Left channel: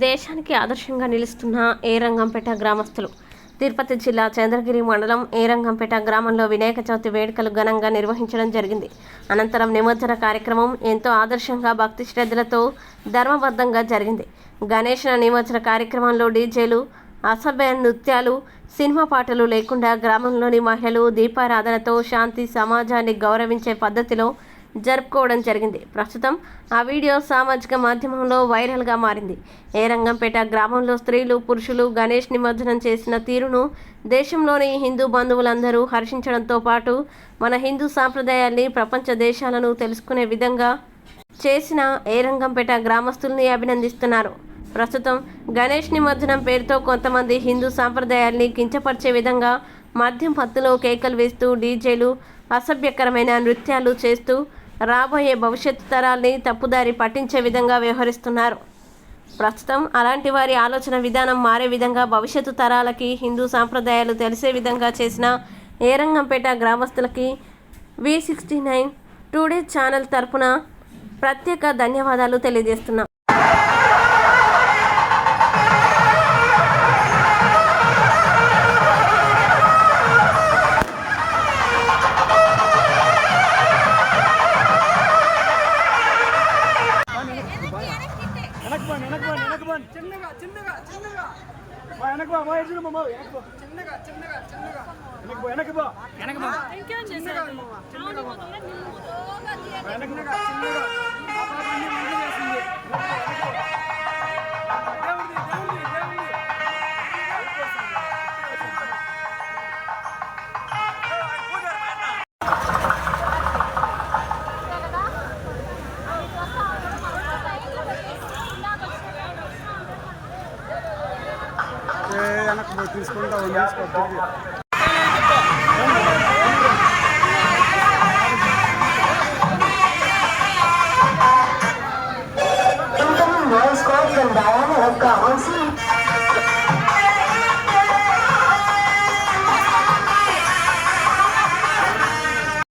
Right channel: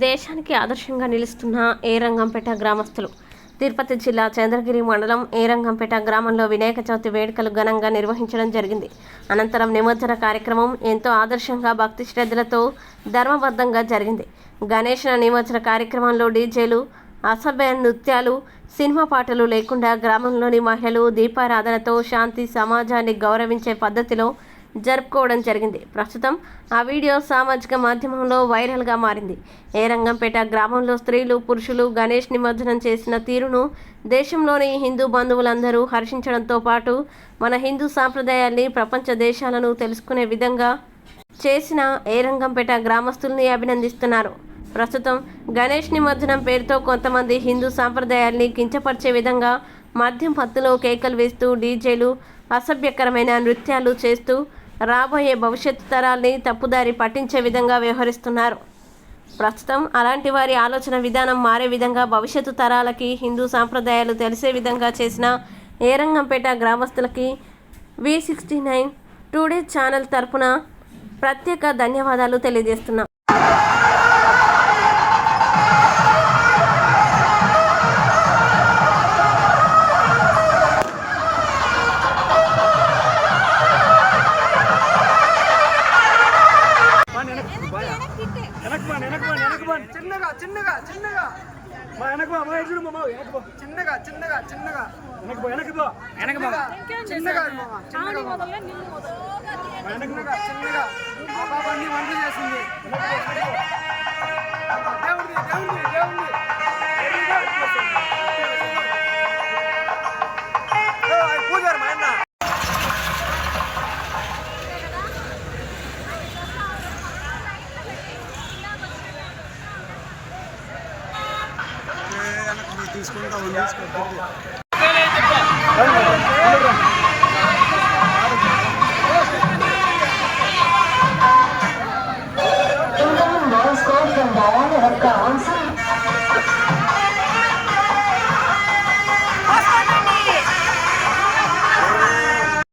దేశానికి ఆదర్శంగా నిలుస్తున్న ఏరంగంపేట గ్రామస్తులు. తిరుపతి జిల్లా చంద్రగిరి మండలం ఏరంగంపేట గ్రామంలో వినాయక చవితి వేడుకలు ఘనంగా నిర్వహించడం జరిగింది. అనంతరం నిమజ్జన కార్యక్రమం ఎంతో ఆదర్శంగా భక్తి శ్రద్ధలతో ధర్మబద్ధంగా జరిగింది. గణేశ నిమజ్జన కార్యక్రమంలో డీజేలు, అసభ్య నృత్యాలు, సినిమా పాటలు లేకుండా గ్రామంలోని మహిళలు దీపారాధనతో శాంతి సమాజాన్ని గౌరవించే పద్ధతిలో జరుపుకోవడం జరిగింది. ప్రస్తుతం ఆ వీడియో సామాజిక మాధ్యమంలో వైరల్గా మారింది. ఏరంగంపేట గ్రామంలో స్త్రీలు, పురుషులు గణేష్ నిమజ్జనం చేసిన తీరును దేశంలోని హిందూ బంధువులందరూ హర్షించడంతో పాటు మన హిందూ సాంప్రదాయాల్ని ప్రపంచ దేశాలను తెలుసుకునే విధంగా చేసిన ఏరంగంపేట గ్రామస్తుల్ని అభినందిస్తున్నారు. ప్రస్తుతం గణేష్ నిమజ్జనం పేరుతో కొంతమంది హిందూ సాంప్రదాయాల్ని కించపరిచే విధంగా మద్యం మత్తులో కేకలు వేస్తూ డీజేలు, అసభ్యకరమైన నృత్యాలు చేస్తూ రాబోయే భవిష్యత్తు తరాల్ని తప్పుదారి పట్టించే విధంగా వ్యవహరిస్తున్నారు. ప్రస్తుతం అలాంటి వారి ఆలోచన విధానం మారే విధంగా భవిష్యత్తు తరాలకి హిందూ సాంప్రదాయాలు తెలిసే విధంగా చేసిన ఏరంగంపేట గ్రామస్తులకి V69 టుడే ఛానల్ తరపున ప్రత్యేక ధన్యవాదాలు తెలియజేస్తున్నాం. తీసుకుంటా